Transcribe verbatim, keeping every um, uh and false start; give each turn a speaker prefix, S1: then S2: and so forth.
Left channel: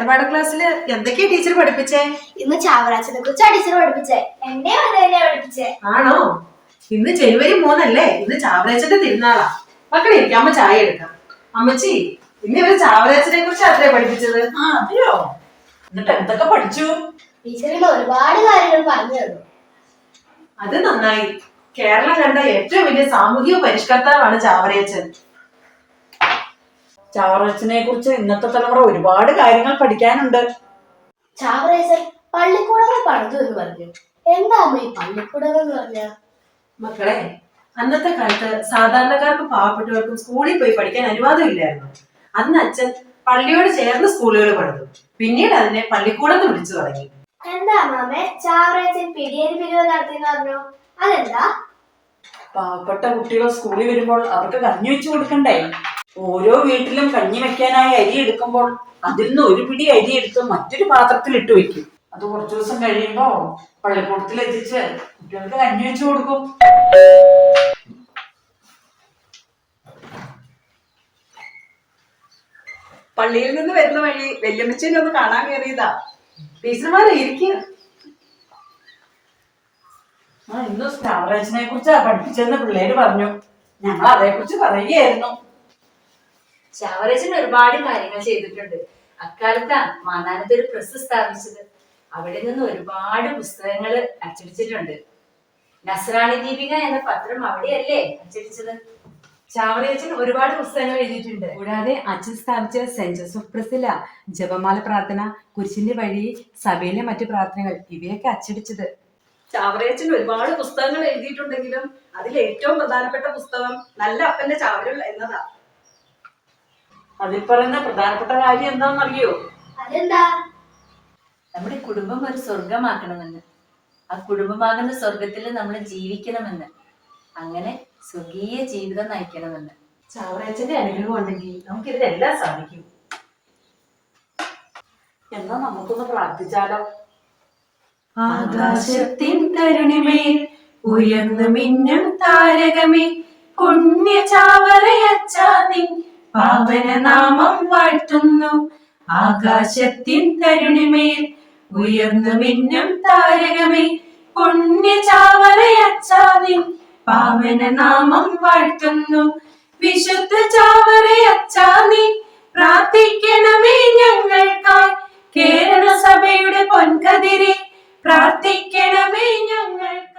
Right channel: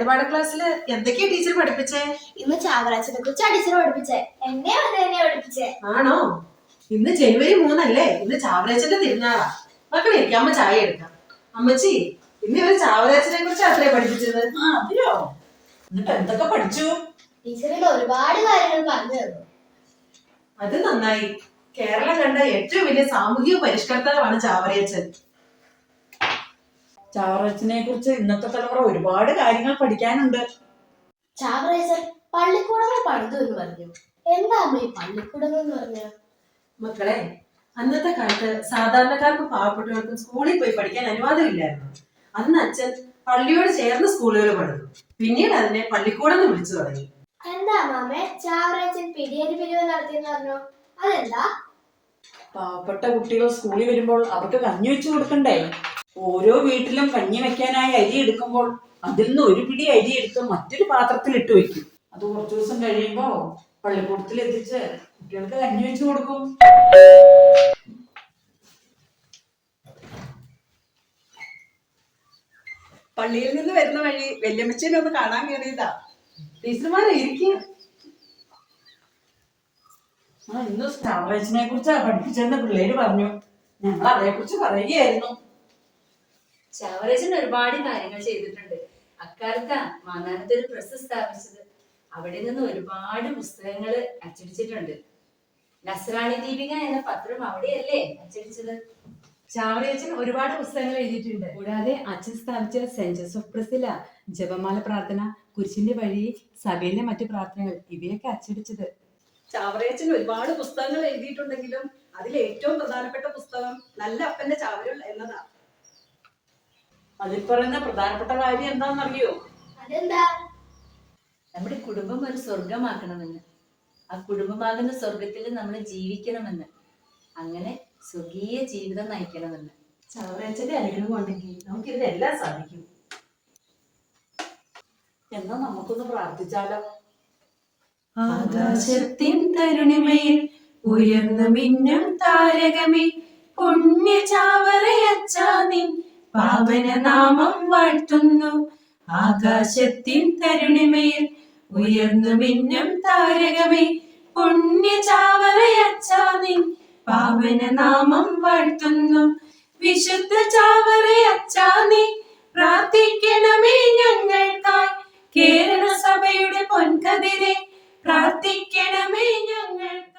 S1: വേദപാഠ ക്ലാസ്സില് എന്തൊക്കെയാ ടീച്ചർ പഠിപ്പിച്ചേ?
S2: ഇന്ന് ചാവറാച്ചനെ കുറിച്ചാ ടീച്ചർ പഠിപ്പിച്ചേ. എന്നെ അതന്നെയാ പഠിപ്പിച്ചേ.
S1: ആണോ? ഇന്ന് ജനുവരി മൂന്നല്ലേ? ഇന്ന് ചാവറാച്ചന്റെ തിരുനാളാ. മക്കളെ ഇരിക്കാമ്മ ചായ എടുക്കാം. അമ്മച്ചി, ഇന്ന് ഇവര് ചാവറാച്ചനെ കുറിച്ച് അത്രേ പഠിപ്പിച്ചത്.
S3: ആ അതെയോ? എന്നിട്ട് എന്തൊക്കെ പഠിച്ചു?
S2: ടീച്ചറിന് ഒരുപാട് കാര്യങ്ങൾ പറഞ്ഞു തന്നു.
S1: അത് നന്നായി. കേരളം കണ്ട ഏറ്റവും വലിയ സാമൂഹിക പരിഷ്കർത്താവാണ് ചാവറയച്ചൻ.
S3: ചാവറയച്ചനെ കുറിച്ച് ഇന്നത്തെ തലമുറ ഒരുപാട് കാര്യങ്ങൾ പഠിക്കാനുണ്ട്.
S2: ചാവറയച്ചൻ പള്ളിക്കൂടങ്ങൾ പണിതു എന്ന് പറഞ്ഞു. എന്താ അമ്മ ഈ പള്ളിക്കൂടങ്ങൾ എന്ന് പറഞ്ഞ?
S1: മക്കളെ, അന്നത്തെ കാലത്ത് സാധാരണക്കാർക്കും പാവപ്പെട്ടവർക്കും സ്കൂളിൽ പോയി പഠിക്കാൻ അനുവാദം ഇല്ലായിരുന്നു. അന്ന് അച്ഛൻ പള്ളിയോട് ചേർന്ന് സ്കൂളുകൾ പണിതു. പിന്നീട് അതിനെ പള്ളിക്കൂടം എന്ന് വിളിച്ചു തുടങ്ങി.
S2: എന്താ അമ്മാമേ ചാവറയച്ചൻ പിടിയേരി പിരിവ് നടത്തിയെന്ന് പറഞ്ഞു? അതെന്താ?
S3: പാവപ്പെട്ട കുട്ടികൾ സ്കൂളിൽ വരുമ്പോൾ അവർക്ക് കഞ്ഞി വെച്ചു കൊടുക്കണ്ടേ? ഓരോ വീട്ടിലും കഞ്ഞി വെക്കാനായി അരി എടുക്കുമ്പോൾ അതിൽ നിന്ന് ഒരു പിടി അരി എടുത്ത് മറ്റൊരു പാത്രത്തിൽ ഇട്ട് വെക്കും. അത് കുറച്ചു ദിവസം കഴിയുമ്പോ പള്ളിക്കൂടത്തിൽ എത്തിച്ച് കുട്ടികൾക്ക് കഞ്ഞി വെച്ചു കൊടുക്കും.
S4: പള്ളിയിൽ നിന്ന് വരുന്ന വഴി വല്യമ്മച്ചനെ ഒന്ന് കാണാൻ കയറിയതാ.
S1: ടീച്ചർമാരെ ഇരിക്കുക.
S3: ആ ഇന്ന് ചാവറയച്ചനെ കുറിച്ചാ പഠിപ്പിച്ചെന്ന് പിള്ളേര് പറഞ്ഞു. ഞങ്ങൾ അതേ കുറിച്ച് പറയുകയായിരുന്നു.
S5: ചാവറയച്ചൻ ഒരുപാട് കാര്യങ്ങൾ ചെയ്തിട്ടുണ്ട്. അക്കാലത്താ മാന്നാനത്ത് ഒരു പ്രസ് സ്ഥാപിച്ചത്. അവിടെ നിന്ന് ഒരുപാട് പുസ്തകങ്ങൾ അച്ചടിച്ചിട്ടുണ്ട്. നസ്രാണി ദീപിക എന്ന പത്രം അവിടെയല്ലേ അച്ചടിച്ചത്?
S6: ചാവറയച്ചൻ ഒരുപാട് പുസ്തകങ്ങൾ എഴുതിയിട്ടുണ്ട്. കൂടാതെ അച്ഛൻ സ്ഥാപിച്ച സെന്റ് ജോസഫ് പ്രസില, ജപമാല പ്രാർത്ഥന, കുരിശിന്റെ വഴി, സഭയിലെ മറ്റു പ്രാർത്ഥനകൾ ഇവയൊക്കെ അച്ചടിച്ചത്.
S4: ചാവറയച്ചൻ ഒരുപാട് പുസ്തകങ്ങൾ എഴുതിയിട്ടുണ്ടെങ്കിലും അതിൽ ഏറ്റവും പ്രധാനപ്പെട്ട പുസ്തകം നല്ല അപ്പന്റെ ചാവരുൾ എന്നതാ.
S3: അതിൽ പറയുന്ന പ്രധാനപ്പെട്ട കാര്യം എന്താണെന്നറിയോ?
S2: അതെന്താ?
S5: നമ്മുടെ കുടുംബം ഒരു സ്വർഗമാക്കണമെന്ന്, ആ കുടുംബമാകുന്ന സ്വർഗത്തിൽ നമ്മൾ ജീവിക്കണമെന്ന്, അങ്ങനെ സ്വർഗീയ ജീവിതം നയിക്കണമെന്ന്.
S1: ചാവറയച്ചന്റെ അനുഗ്രഹം ഉണ്ടെങ്കിൽ നമുക്ക് ഇതിനെല്ലാം സാധിക്കും.
S3: എന്നാ നമുക്കൊന്ന് പ്രാർത്ഥിച്ചാലോ?
S6: ആകാശത്തിൻ തരുണിമേൽ ഉയർന്നു മിന്നും താരകമേ, പുണ്യ ചാവറയച്ചാ നിൻ പാവന നാമം വാഴ്ത്തുന്നു. ആകാശത്തിൻ തരുണിമേൽ ഉയർന്നു മിന്നും താരകമേ, പുണ്യ ചാവറയച്ചാ നിൻ പാവന നാമം വാഴ്ത്തുന്നു. വിശുദ്ധ ചാവറയച്ചാ നീ പ്രാർത്ഥിക്കണമേ ഞങ്ങൾക്കായി. കേരള സഭയുടെ പൊൻകതിരെ പ്രാർത്ഥിക്കണമേ ഞങ്ങൾ.